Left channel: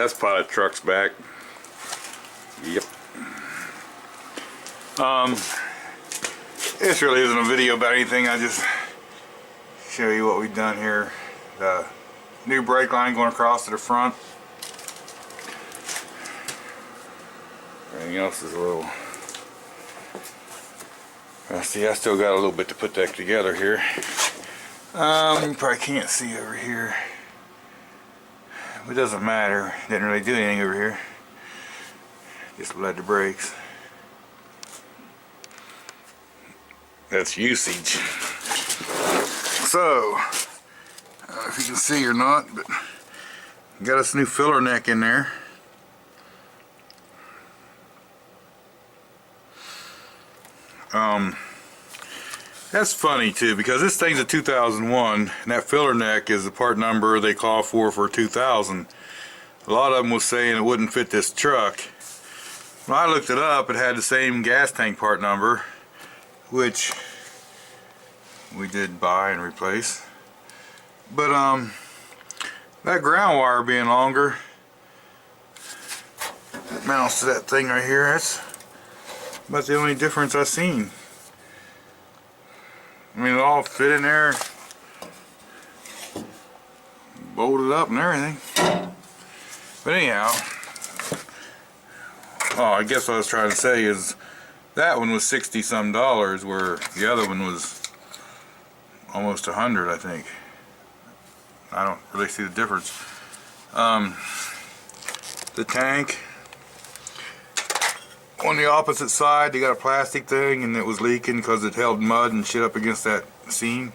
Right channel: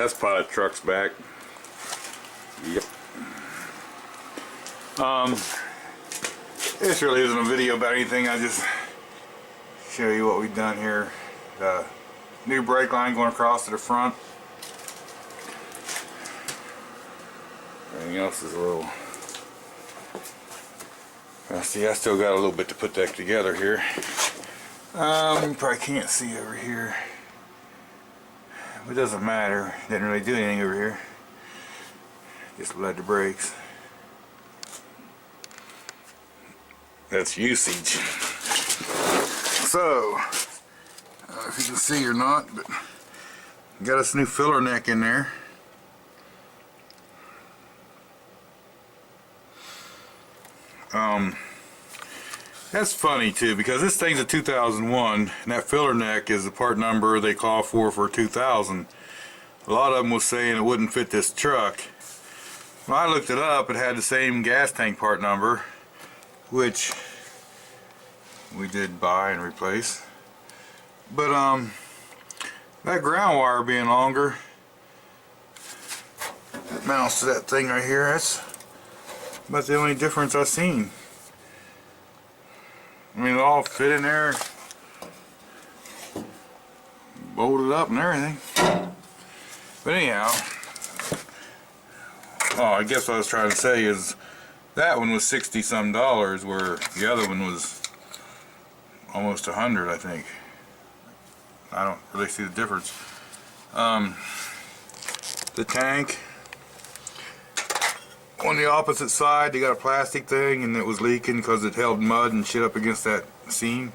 test pilot truck's back. Yep. This really isn't a video about anything. I just show you what we've done here. The new brake line going across to the front. Everything else is a little... see, I still got a little bit to put that together here. You probably can't see over here. It doesn't matter. Didn't really do anything over here. Just led the brakes. That's usage. So, I don't know if you can see or not, but got us a new filler neck in there. That's funny too, because this thing's a 2001 and that filler neck is the part number they call for 2000. A lot of them was saying it wouldn't fit this truck. When I looked it up, it had the same gas tank part number, which we did buy and replace. But that ground wire being longer, it mounts to that thing right here. That's about the only difference I've seen. I mean, it all fit in there, bolted up and everything. But anyhow, I guess what I was trying to say is that one was $60 some, where the other one was almost 100, I think. I don't really see the difference. The tank on the opposite side, they got a plastic thing and it was leaking because it held mud and shit up against that seam.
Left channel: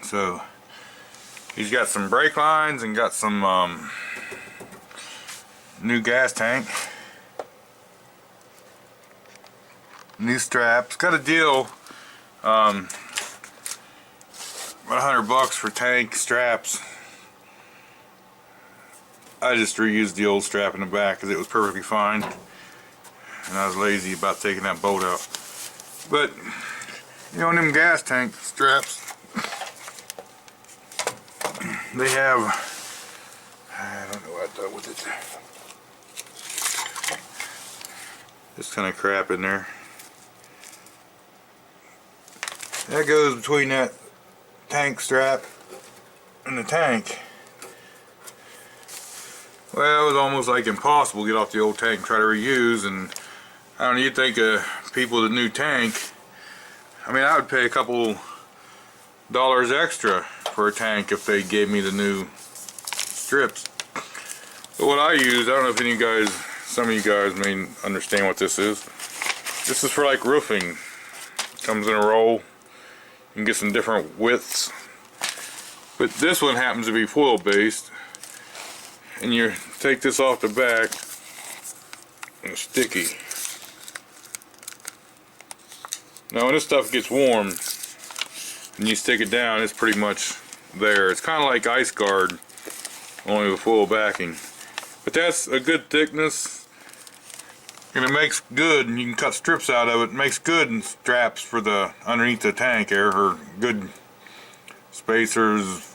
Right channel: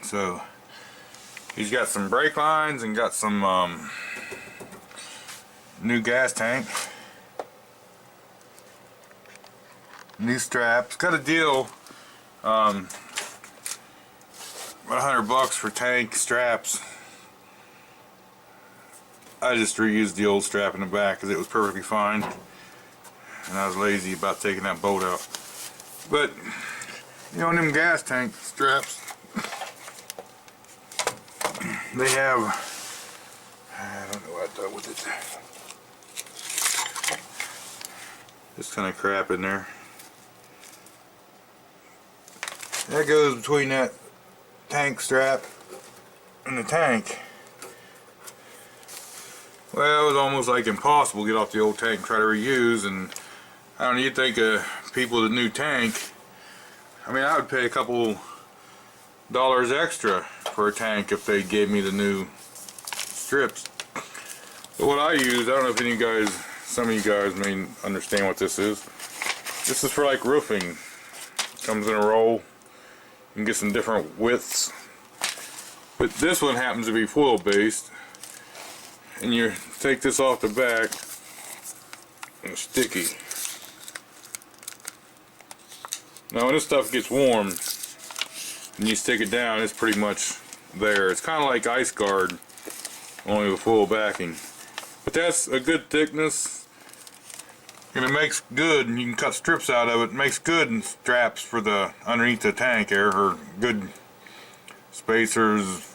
So he's got some brake lines and got some new gas tank, new straps. Got a deal, about $100 for tank straps. I just reused the old strap in the back because it was perfectly fine, and I was lazy about taking that bolt out. But you know, them gas tank straps, they have, I don't know what I done with it, this kind of crap in there. That goes between that tank strap and the tank. Well, it was almost like impossible to get off the old tank and try to reuse, and I don't know, you'd think people with a new tank, I mean, I would pay a couple dollars extra for a tank if they gave me the new strips. But what I use, I don't know if any of you guys, some of you guys may understand what this is. This is for like roofing. It comes in a roll. You can get some different widths. But this one happens to be foil based. And you take this off the back, and it's sticky. Now when this stuff gets warm and you stick it down, it's pretty much there. It's kind of like ice guard, only with full backing. But that's a good thickness, and it makes good, and you can cut strips out of it. It makes good straps for the underneath the tank there, or good spacers,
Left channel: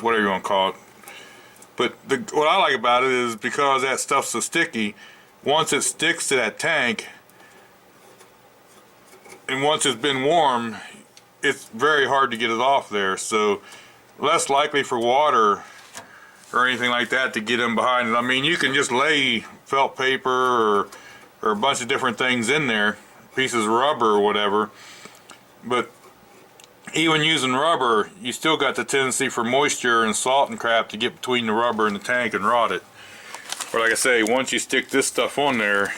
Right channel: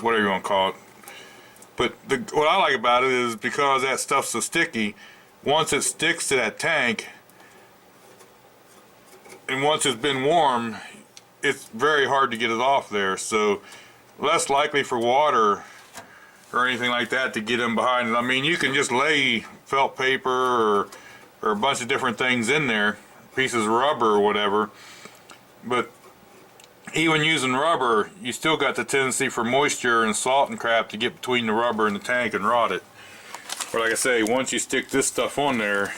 whatever you want to call it. But what I like about it is because that stuff's so sticky, once it sticks to that tank, and once it's been warm, it's very hard to get it off there. So less likely for water or anything like that to get in behind it. I mean, you can just lay felt paper or a bunch of different things in there, pieces of rubber or whatever, but even using rubber, you still got the tendency for moisture and salt and crap to get between the rubber and the tank and rot it. But like I say, once you stick this stuff on there,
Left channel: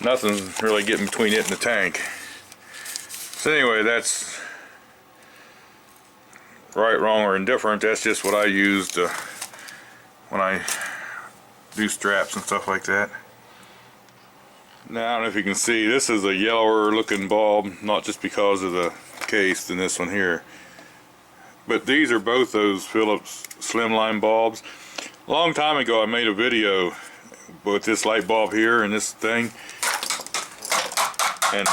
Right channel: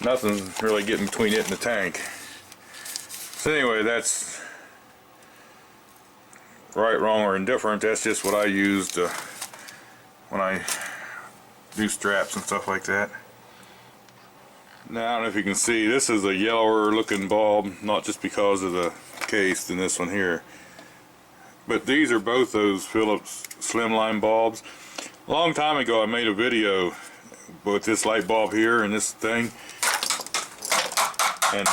nothing's really getting between it and the tank. So anyway, that's right, wrong, or indifferent. That's just what I used when I do straps and stuff like that. Now, I don't know if you can see, this is a yellower looking bulb, not just because of the case than this one here, but these are both those Phillips slimline bulbs. A long time ago I made a video with this light bulb here and this thing, and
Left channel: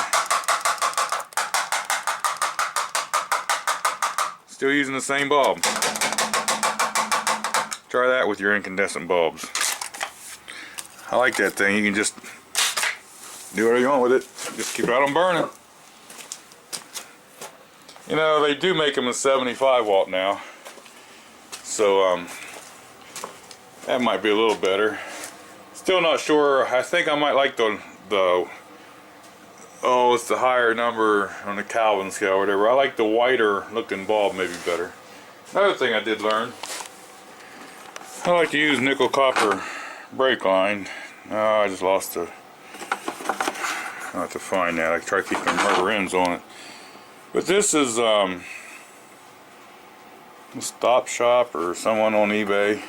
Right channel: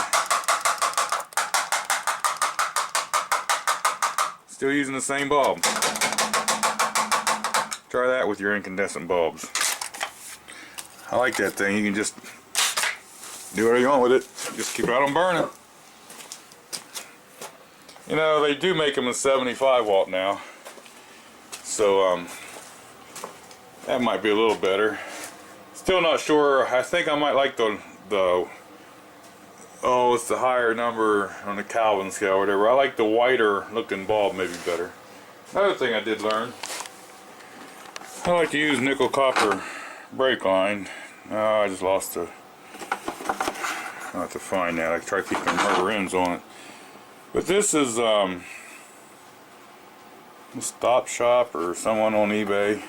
still using the same bulb. Try that with your incandescent bulbs. I like that thing. You can just do whatever you want with it. Just keep right on burning. You know, they do make them a 75 watt now. So, that might be a little better. Still not sure. I think I might like the oh, it's the higher number on the Kelvin scale or whatever. I like the whiter looking bulb maybe better. Another thing I did learn, I like to use nickel copper brake line. Oh, I just lost the, I'll have to find that. I try keeping rubber ends on it. But this is a Stop Shop or someone on eBay.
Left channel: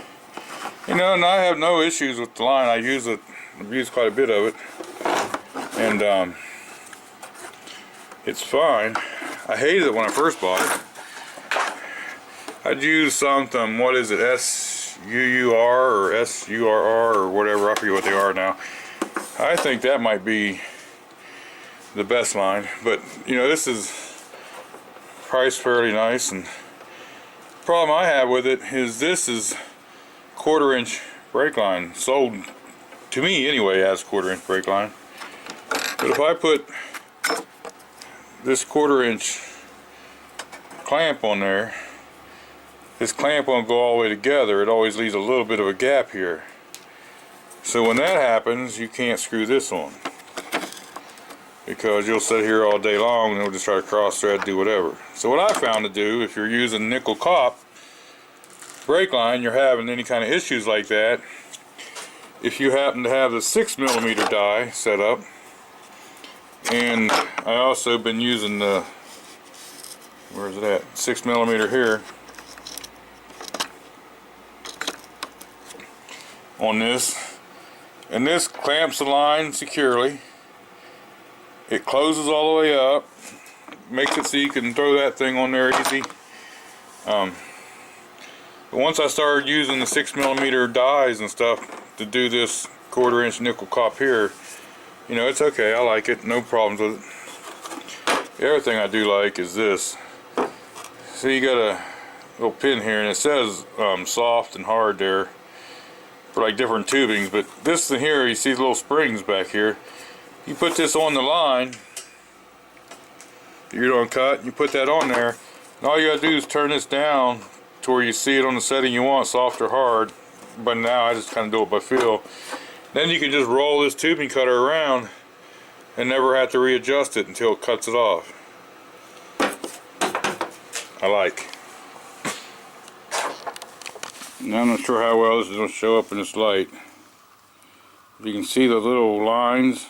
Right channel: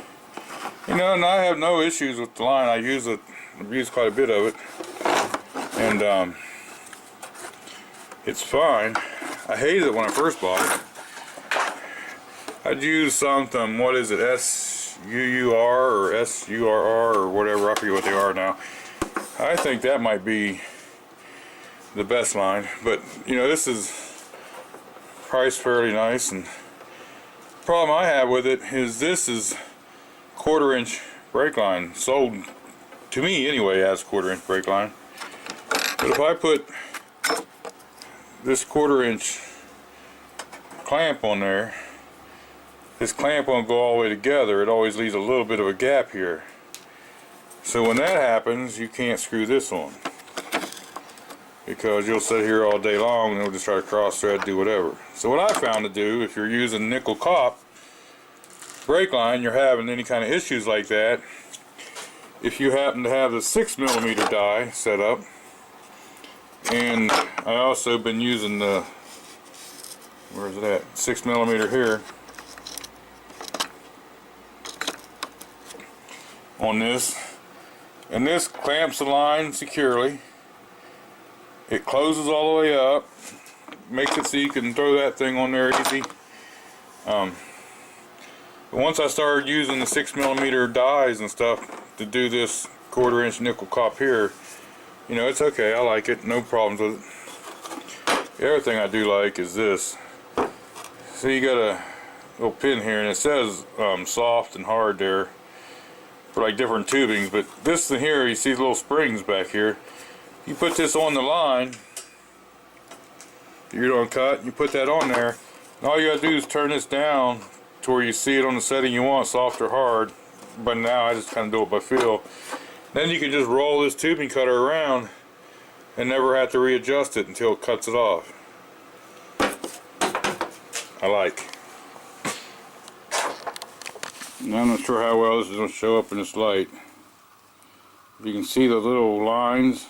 You know, and I have no issues with the line. I use it, I've used quite a bit of it. And it's fine. I hated it when I first bought it. I'd use something, what is it, SUUR or SURR or whatever, I forget what they are now. I think that might be the best line, but you know, this is priced fairly nice, and the problem I have with it is this is 1/4 inch brake line, sold to me anyway as 1/4 inch brake line. But if I put this 1/4 inch clamp on there, this clamp won't go all the way together. It always leaves a little bit of a gap here. So when that happens, you can't screw this on, because you'll sit here all day long and it'll just try to cross thread, do whatever. So what I found to do, if you're using NICOPP brake line, you're having any kind of issues like that, if you happen to have the 6mm die set up, and I also been using the, where's it at, 6mm here on this, and this clamps the line securely. It closes all the way up, makes it so you can throw that thing on there easy. But once I started using the 6mm dies and stuff to do this 1/4 inch NICOPP here, you know, it's okay. I like it, no problems with it. The other thing I do like is this. So you got a little pin here, and it says soft and hard there for like different tubings, but this thing here, you see the little springs back here. You put this on the line you're going to cut, and you put that on there, and all you got to do is turn this down to where you see it on the setting you want, soft or hard. But now I just kind of do it by feel. Then you can just roll this tubing cutter around and never have to readjust it until it cuts it off. I like. Now I'm not sure how well this is going to show up in this light. You can see the little lines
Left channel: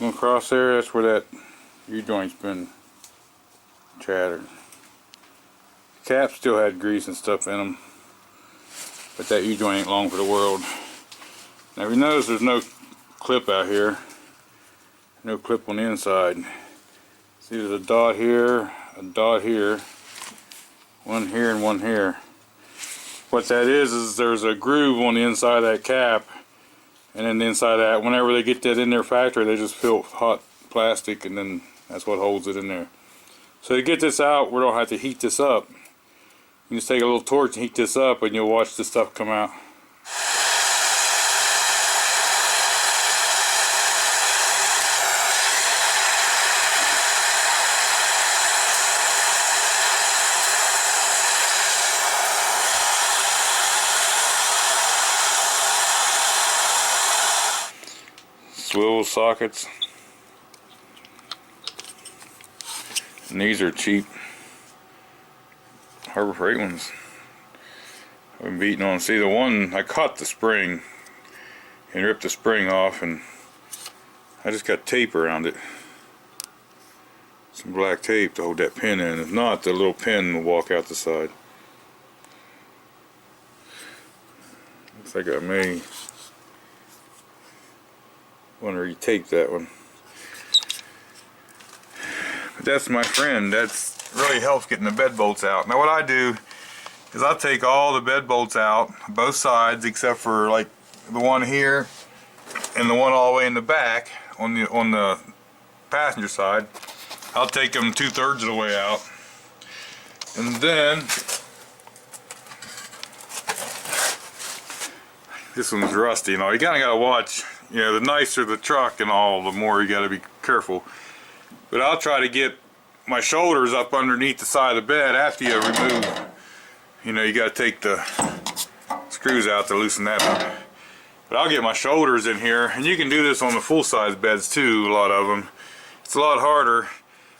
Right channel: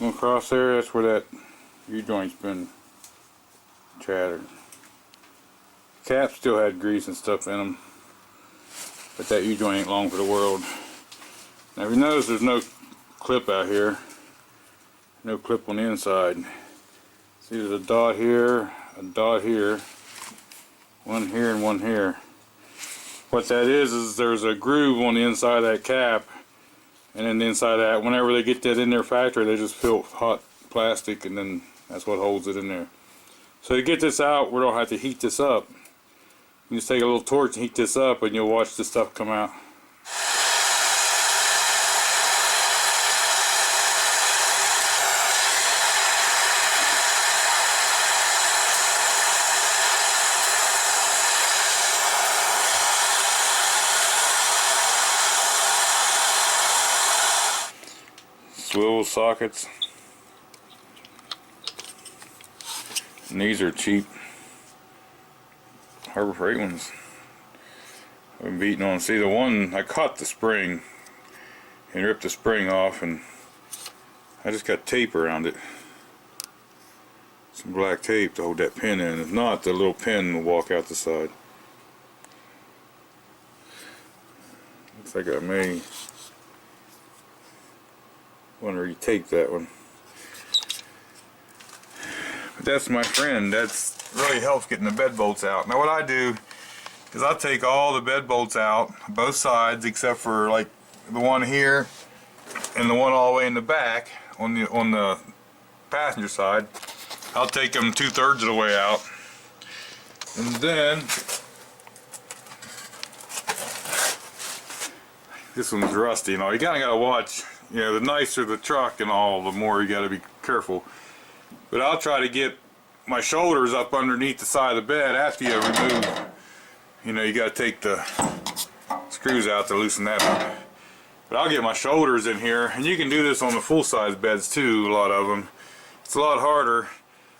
going across there. That's where that U-joint's been shattered. The cap still had grease and stuff in them, but that U-joint ain't long for the world. Now if you notice, there's no clip out here, no clip on the inside. See, there's a dot here, one here and one here. What that is there's a groove on the inside of that cap, and then the inside of that, whenever they get that in their factory, they just fill hot plastic, and then that's what holds it in there. So to get this out, we don't have to heat this up. You just take a little torch and heat this up, and you'll watch this stuff come out. Swivel sockets, and these are cheap Harbor Freight ones. I've been beating on. See, the one I caught the spring and ripped the spring off, and I just got tape around it, some black tape to hold that pin in. If not, the little pin will walk out the side. Looks like I may want to re-tape that one. But that's my friend. That's really helps getting the bed bolts out. Now what I do is I'll take all the bed bolts out, both sides except for like the one here and the one all the way in the back on the passenger side. I'll take them 2/3 of the way out, and then this one's rusty. You know, you kind of got to watch. You know, the nicer the truck and all, the more you got to be careful. But I'll try to get my shoulders up underneath the side of the bed after you remove. You know, you got to take the screws out to loosen that up. But I'll get my shoulders in here, and you can do this on the full-size beds too. A lot of them. It's a lot harder,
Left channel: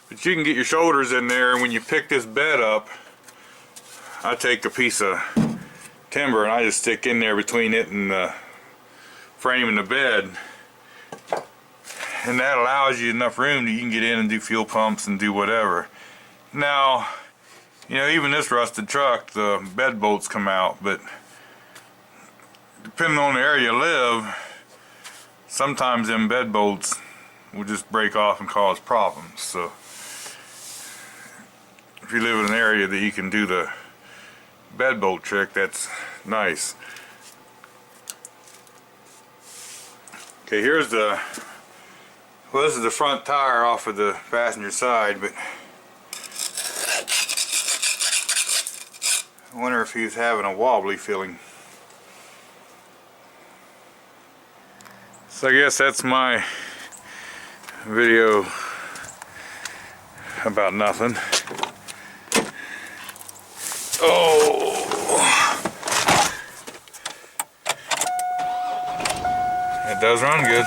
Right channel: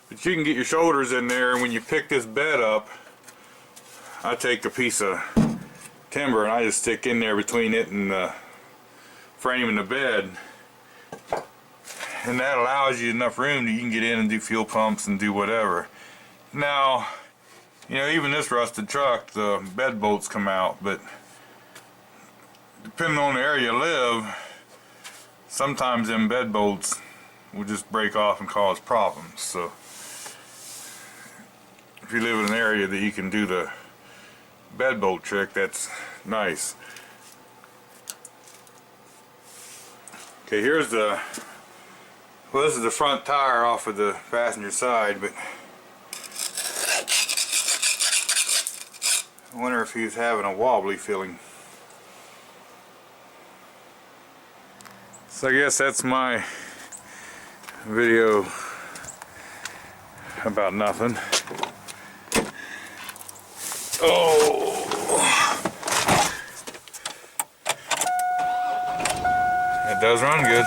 but you can get your shoulders in there. And when you pick this bed up, I take a piece of timber and I just stick in there between it and the frame and the bed, and that allows you enough room that you can get in and do fuel pumps and do whatever. Now, you know, even this rusted truck, the bed bolts come out, but depending on the area you live, sometimes them bed bolts will just break off and cause problems. So if you live in an area that you can do the bed bolt trick, that's nice. Okay, here's the, well, this is the front tire off of the passenger side, but I wonder if he's having a wobbly feeling. So I guess that's my video about nothing. Oh, it does run good.